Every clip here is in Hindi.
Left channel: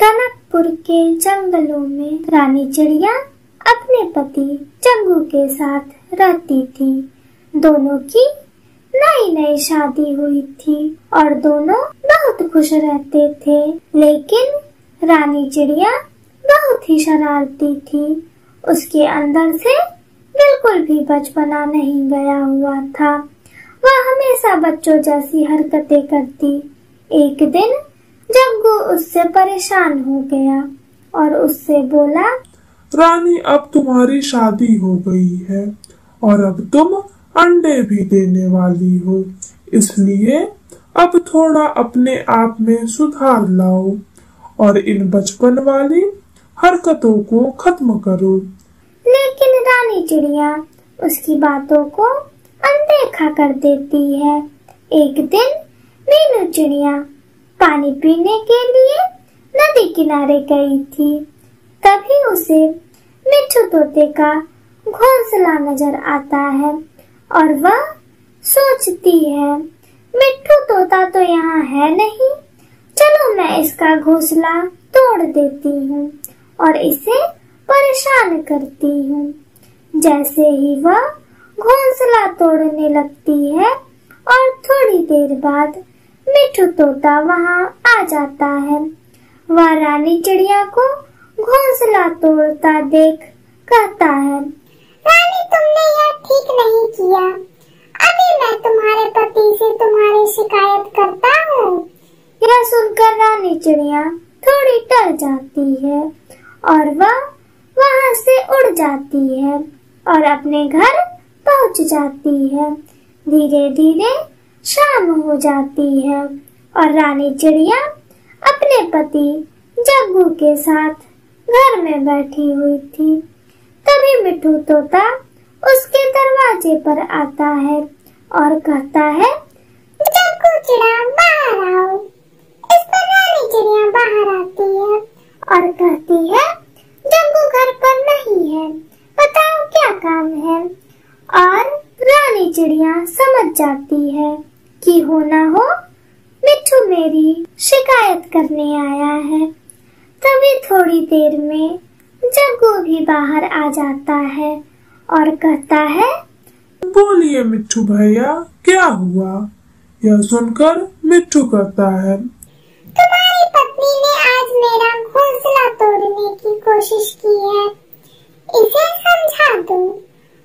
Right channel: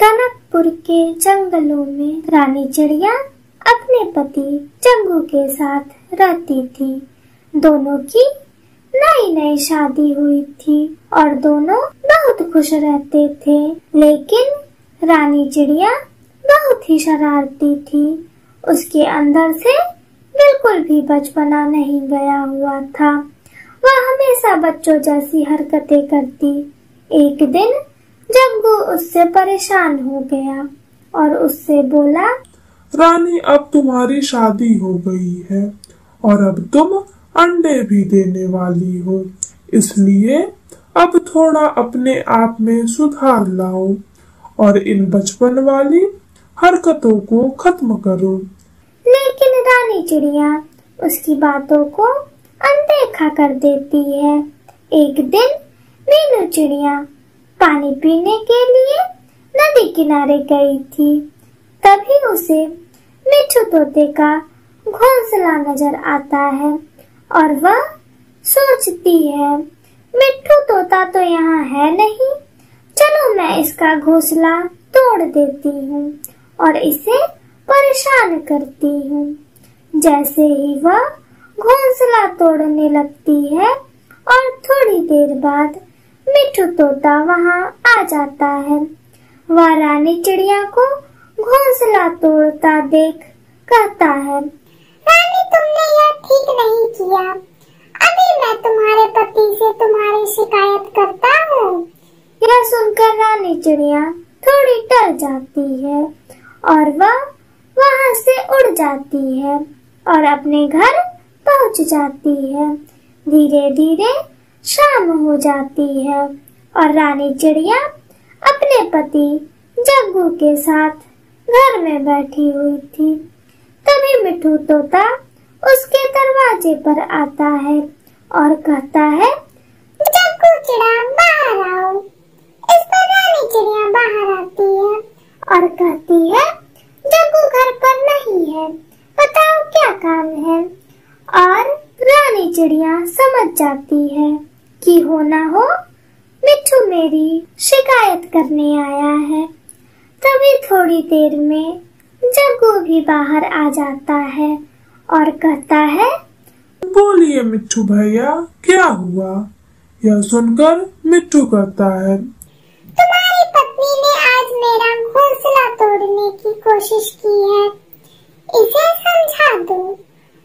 टनकपुर के जंगलों में रानी चिड़िया अपने पति जग्गू के साथ रहती थी। दोनों की नई नई शादी हुई थी और दोनों बहुत खुश रहते थे। लेकिन रानी चिड़िया बहुत ही शरारती थी। उसके अंदर से बिल्कुल भी बचपना नहीं गया हुआ था। वह हमेशा बच्चों जैसी हरकतें करती। एक दिन जग्गू उससे परेशान हो गया और उससे बोला, रानी, अब तुम्हारी शादी हो गई है और अब तुम अंडे भी देने वाली हो, इसलिए अब थोड़ा अपने आप में सुधार लाओ और इन बचपन वाली हरकतों को खत्म करो। लेकिन रानी चिड़िया उसकी बातों को अनदेखा कर देती है। एक दिन मीनू चिड़िया पानी पीने के लिए नदी किनारे गई थी। तभी उसे मिट्ठू तोते का घोंसला नजर आता है और वह सोचती है, मिट्ठू तोता तो यहाँ है नहीं, चलो मैं इसका घोंसला तोड़ देती हूँ और इसे परेशान करती हूँ। जैसे ही वह घोंसला तोड़ने लगती है और थोड़ी देर बाद मिट्ठू तोता वहाँ आ जाता है। वह रानी चिड़िया को घोंसला तोड़ता देख कहता है, रानी, तुमने यह ठीक नहीं किया। अभी मैं तुम्हारे पति से तुम्हारी शिकायत करता हूँ। यह सुनकर रानी चिड़िया थोड़ी डर जाती है और वह वहाँ से उड़ जाती है और अपने घर पहुँच जाती है। धीरे धीरे शाम हो जाती है और रानी चिड़िया अपने पति जग्गू के साथ घर में बैठी हुई थी। तभी मिट्ठू तोता उसके दरवाजे पर आता है और कहता है, जग्गू चिड़ा बाहर आओ। इस पर रानी चिड़िया बाहर आती है और कहती है, जग्गू घर पर नहीं है, बताओ क्या काम है। और रानी चिड़िया समझ जाती है कि हो ना हो मिट्ठू मेरी शिकायत करने आया है। तभी थोड़ी देर में जग्गू भी बाहर आ जाता है और कहता है, बोलिए मिट्ठू भैया, क्या हुआ? यह सुनकर मिट्ठू कहता है, तुम्हारी पत्नी ने आज मेरा घोंसला तोड़ने की कोशिश की है। इसे समझा दो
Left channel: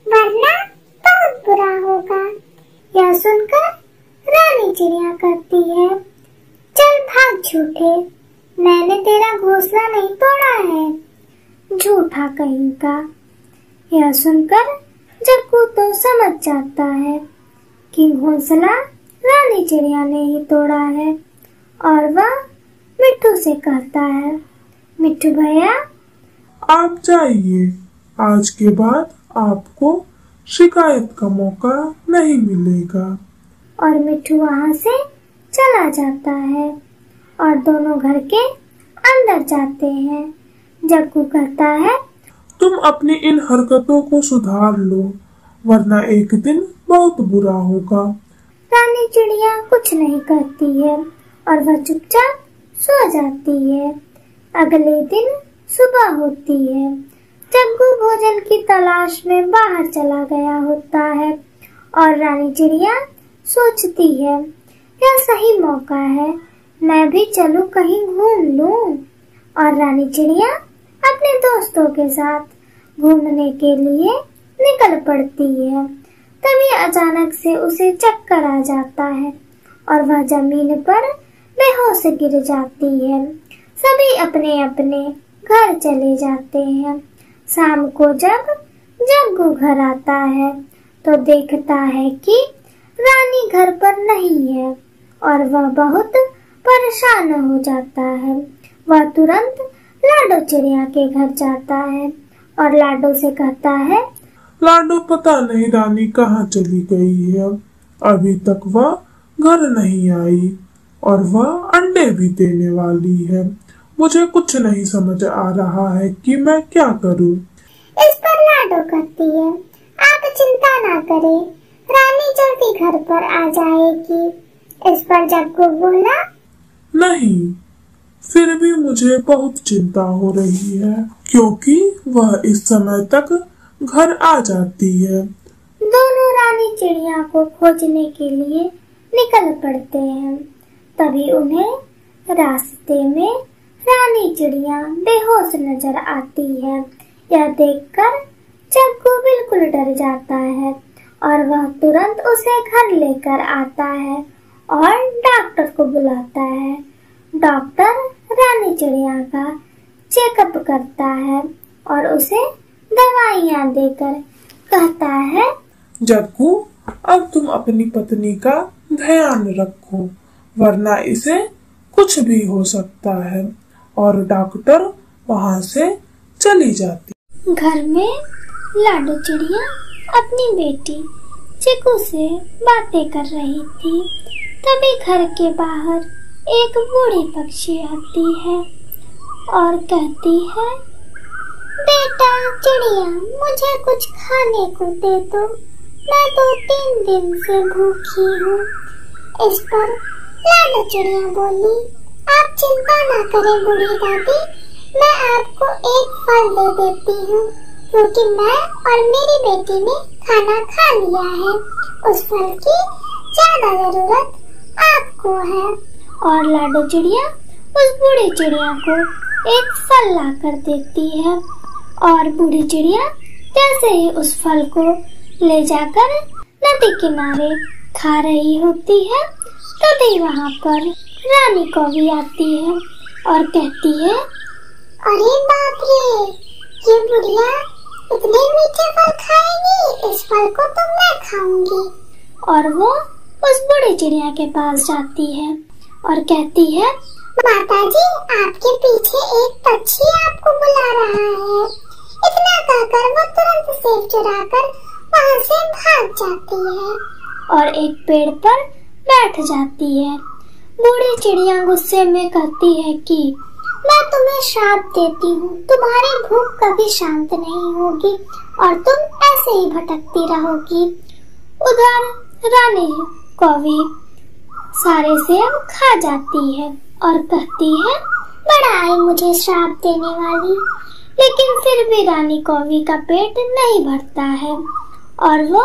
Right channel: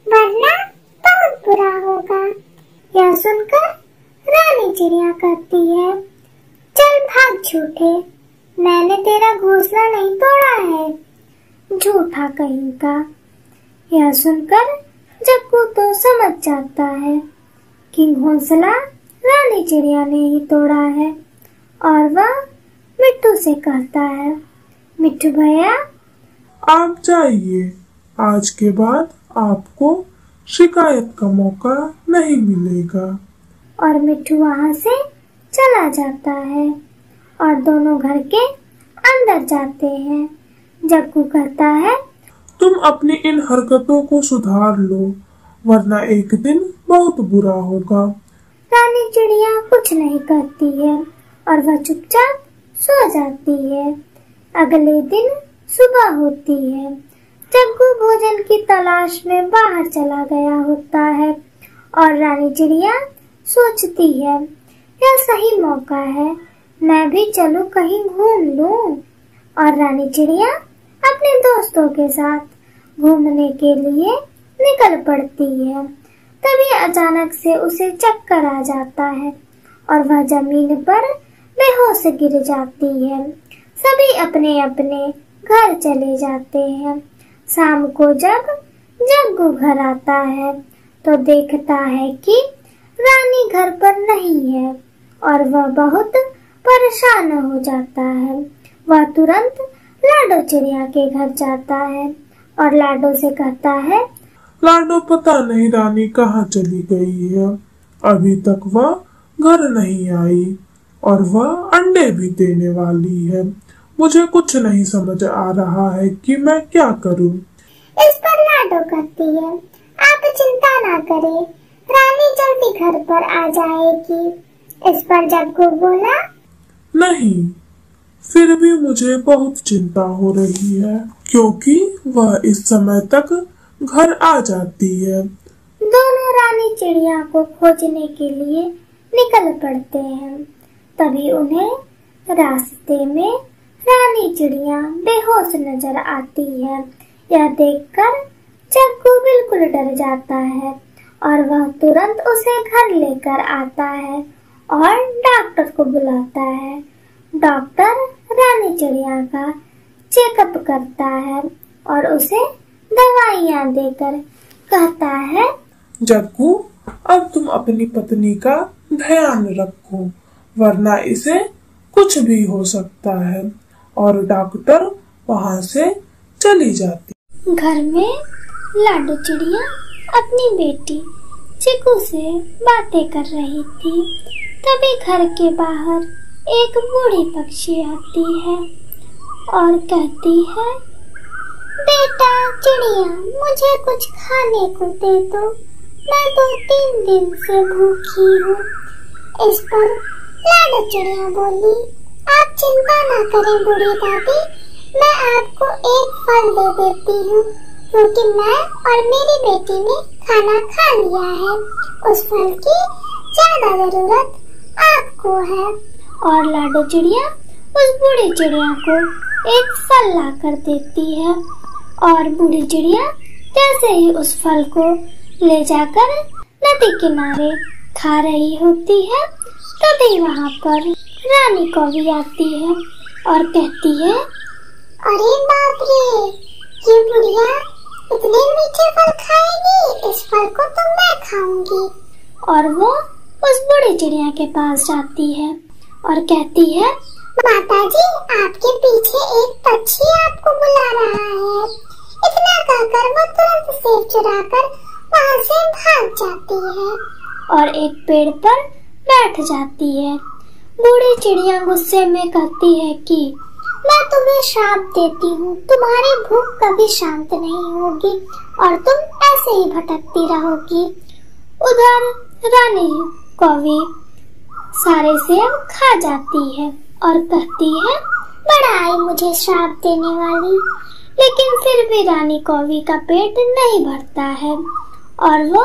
वरना बहुत बुरा होगा। यह सुनकर रानी चिड़िया कहती है, चल भाग झूठे, मैंने तेरा घोंसला नहीं तोड़ा है, झूठा कहीं का। यह सुनकर जग्गू तो समझ जाता है कि घोंसला रानी चिड़िया ने ही तोड़ा है और वह मिट्ठू से कहता है, मिट्ठू भैया आप जाइए, आज के बाद आपको शिकायत का मौका नहीं मिलेगा। और मिट्ठू वहाँ से चला जाता है और दोनों घर के अंदर जाते हैं। जग्गू कहता है, तुम अपनी इन हरकतों को सुधार लो वरना एक दिन बहुत बुरा होगा। रानी चिड़िया कुछ नहीं करती है और वह चुपचाप सो जाती है। अगले दिन सुबह होती है। जग्गू भोजन की तलाश में बाहर चला गया होता है और रानी चिड़िया सोचती है, यह सही मौका है, मैं भी चलूं कहीं घूम लूं। और रानी चिड़िया अपने दोस्तों के साथ घूमने के लिए निकल पड़ती है। तभी अचानक से उसे चक्कर आ जाता है और वह जमीन पर बेहोश गिर जाती है। सभी अपने अपने घर चले जाते हैं। शाम को जब जग्गू घर आता है तो देखता है कि रानी घर पर नहीं है और वह बहुत परेशान हो जाता है। वह तुरंत लाडो चिड़िया के घर जाता है और लाडो से कहता है, लाडो, पता नहीं रानी कहाँ चली गई है, अभी तक वह घर नहीं आई और वह अंडे भी देने वाली है। मुझे कुछ नहीं समझ आ रहा है कि मैं क्या करूं। इस पर लाडो कहती है, आप चिंता ना करें, रानी जल्दी घर पर आ जाएगी। इस पर जग्गू बोला, नहीं, फिर भी मुझे बहुत चिंता हो रही है क्योंकि वह इस समय तक घर आ जाती है। दोनों रानी चिड़िया को खोजने के लिए निकल पड़ते हैं। तभी उन्हें रास्ते में रानी चिड़िया बेहोश नजर आती है। यह देखकर जग्गू बिल्कुल डर जाता है और वह तुरंत उसे घर लेकर आता है और डॉक्टर को बुलाता है। डॉक्टर रानी चिड़िया का चेकअप करता है और उसे दवाइयाँ देकर कहता है, जग्गू, अब तुम अपनी पत्नी का ध्यान रखो वरना इसे कुछ भी हो सकता है। और डॉक्टर वहाँ से चली जाती। घर में लाडो चिड़िया अपनी बेटी चिकू से बातें कर रही थी। तभी घर के बाहर एक बूढ़ी पक्षी आती है और कहती है, बेटा चिड़िया, मुझे कुछ खाने को दे दो, मैं तो 3 दिन से भूखी हूँ। इस पर लाडो चिड़िया बोली, आप चिंता न करें बूढ़ी दादी, मैं आपको एक फल दे देती हूँ क्योंकि मैं और मेरी बेटी ने खाना खा लिया है। उस फल की ज्यादा जरूरत आपको है। और लाडो चिड़िया उस बूढ़ी चिड़िया को एक फल ला कर देती है और बूढ़ी चिड़िया कैसे ही उस फल को ले जाकर नदी किनारे खा रही होती है। तभी वहाँ पर रानी कौवी आती है और कहती है, अरे बाप रे, ये बुढ़िया इतने मीठे फल खाएगी, इस फल को तो मैं खाऊंगी। और वो उस बूढ़ी चिड़िया के पास जाती है और कहती है, माताजी, आपके पीछे एक पक्षी आपको बुला रहा है। इतना कहकर वो तुरंत सेब चुराकर वहाँ से भाग जाती है और एक पेड़ पर बैठ जाती है। बूढ़ी चिड़िया गुस्से में कहती है कि मैं तुम्हें श्राप देती हूँ, तुम्हारी भूख कभी शांत नहीं होगी और तुम ऐसे ही भटकती रहोगी। उधर रानी कौवी सारे सेब खा जाती है और कहती है, बड़ा आई मुझे श्राप देने वाली। लेकिन फिर भी रानी कौवी का पेट नहीं भरता है और वो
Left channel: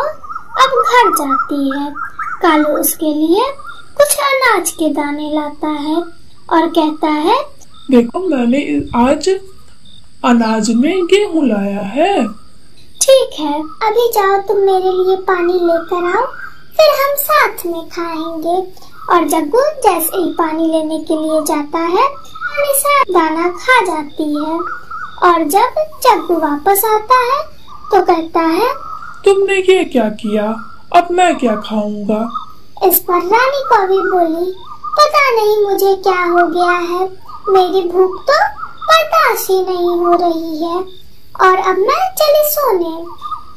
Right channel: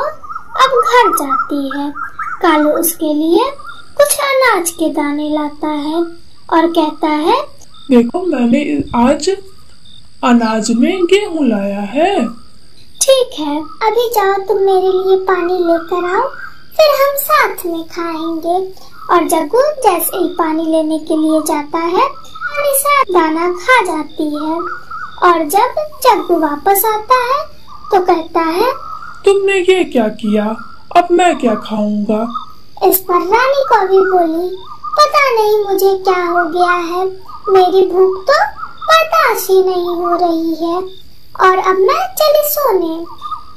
अब घर जाती है। कालू उसके लिए कुछ अनाज के दाने लाता है और कहता है, देखो मैंने आज अनाज में गेहूं लाया है। ठीक है, अभी जाओ तुम मेरे लिए पानी लेकर आओ, फिर हम साथ में खाएंगे। और जग्गू जैसे ही पानी लेने के लिए जाता है, रानी सारा दाना खा जाती है। और जब जग्गू वापस आता है तो कहता है, तुमने ये क्या किया, अब मैं क्या खाऊंगा। इस पर रानी कौवी बोली, पता नहीं मुझे क्या हो गया है, मेरी भूख तो बर्दाश्त ही नहीं हो रही है और अब मैं चली सोने।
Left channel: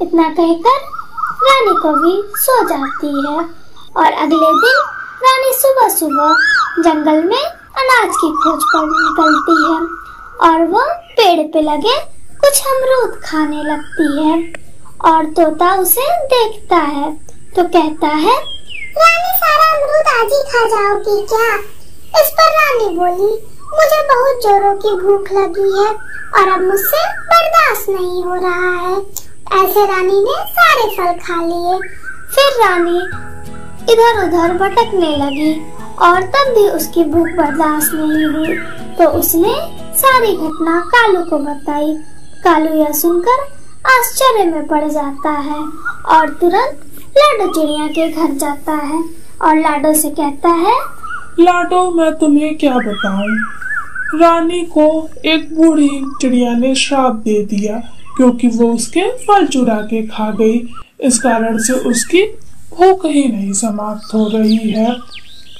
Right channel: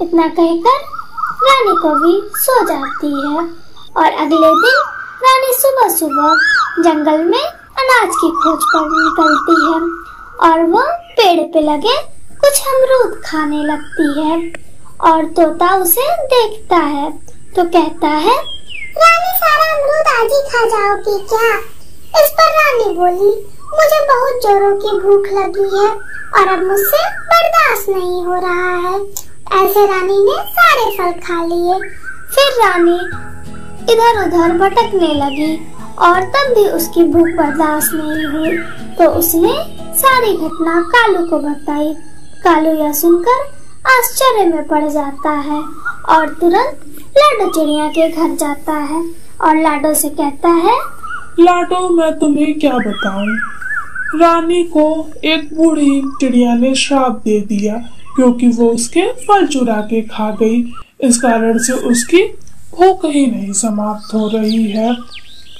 इतना कहकर रानी कौवी सो जाती है और अगले दिन रानी सुबह सुबह जंगल में अनाज की खोज पर निकलती है और वो पेड़ पे लगे कुछ अमरूद खाने लगती है। और तोता उसे देखता है तो कहता है, रानी सारा अमरूद आज ही खा जाओगी क्या। इस पर रानी बोली, मुझे बहुत जोरों की भूख लगी है और अब मुझसे बर्दाश्त नहीं हो रहा है। ऐसे रानी ने सारे फल खा लिए। फिर रानी इधर उधर भटकने लगी और तब भी उसकी भूख बर्दाश्त नहीं हुई तो उसने सारी घटना कालू को बताई। कालू यह सुनकर आश्चर्य में पड़ जाता है और तुरंत लाडो चिड़िया के घर जाता है और लाडो से कहता है, लाडो, मैं तुम्हें क्या बताऊं, रानी को एक बूढ़ी चिड़िया ने श्राप दे दिया क्योंकि वो उसके फल चुरा के खा गई। इस कारण से उसकी भूख ही नहीं समाप्त हो रही है।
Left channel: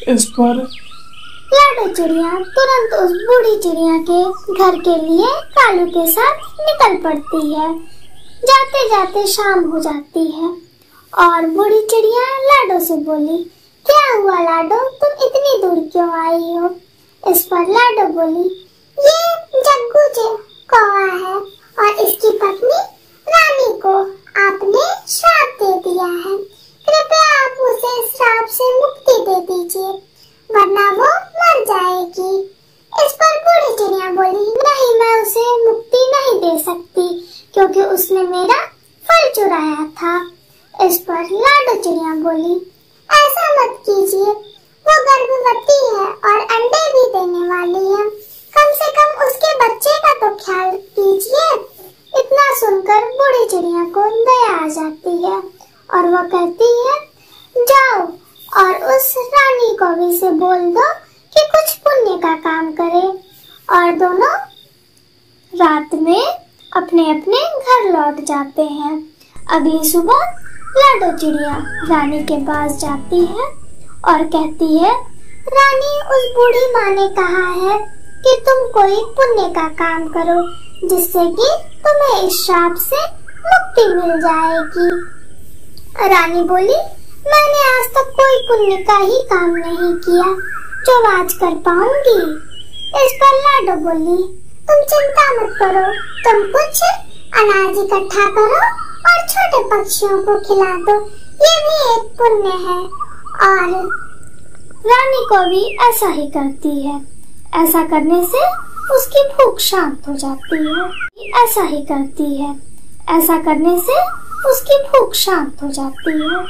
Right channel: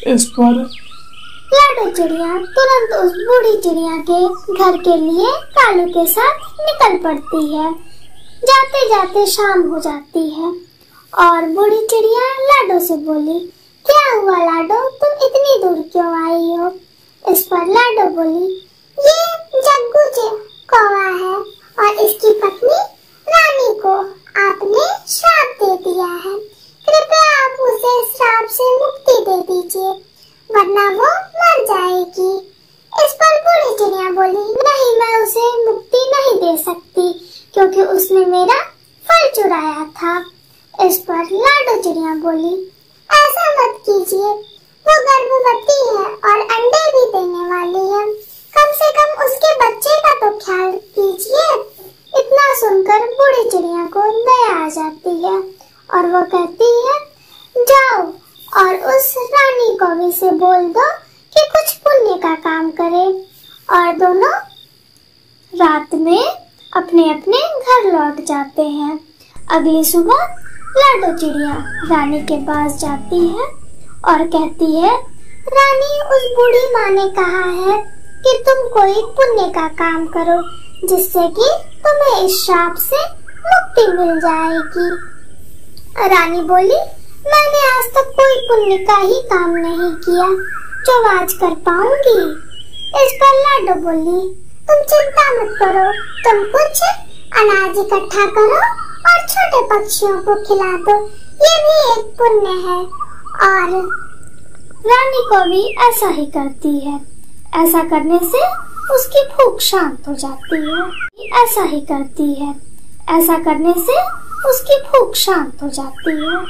इस पर लाडो चिड़िया तुरंत उस बूढ़ी चिड़िया के घर के लिए कालू के साथ निकल पड़ती है। जाते जाते शाम हो जाती है और बूढ़ी चिड़िया लाडो से बोली, क्या हुआ लाडो, तुम इतनी दूर क्यों आई हो। इस पर लाडो बोली, ये जग्गू कौवा है और इसकी पत्नी रानी को आपने श्राप दे दिया है। कृपया आप उसे श्राप से मुक्ति दे दीजिए वरना वो मर जाएगी। इस पर क्योंकि उसने मेरा फल चुराया था। इस पर लाडो चिड़िया बोली, ऐसा मत कीजिए, वो गर्भवती है और अंडे भी देने वाली है, कम से कम उसके बच्चे का तो ख्याल कीजिए। इतना सुनकर बूढ़ी चिड़िया को दया आ जाती है और वो कहती है, जाओ और उस रानी कौवी से बोल दो कि कुछ पुण्य का काम करे। और दोनों रात में अपने अपने घर लौट जाते हैं। अगली सुबह लाडो चिड़िया रानी के पास जाती है और कहती है, रानी, उस बूढ़ी माँ ने कहा है कि तुम कोई पुण्य का काम करो जिससे कि तुम्हें इस श्राप से मुक्ति मिल जाएगी। रानी बोली, मैंने आज तक कोई पुण्य का ही काम नहीं किया जो आज कर पाऊंगी। इस पर लाडो बोली, तुम चिंता मत करो, तुम कुछ अनाज इकट्ठा करो और छोटे पक्षियों को खिला दो, ये भी एक पुण्य है। और रानी कौवी ऐसा ही करती है। ऐसा करने से उसकी भूख शांत हो जाती है। ऐसा ही करती है। ऐसा करने से उसकी भूख शांत हो जाती है।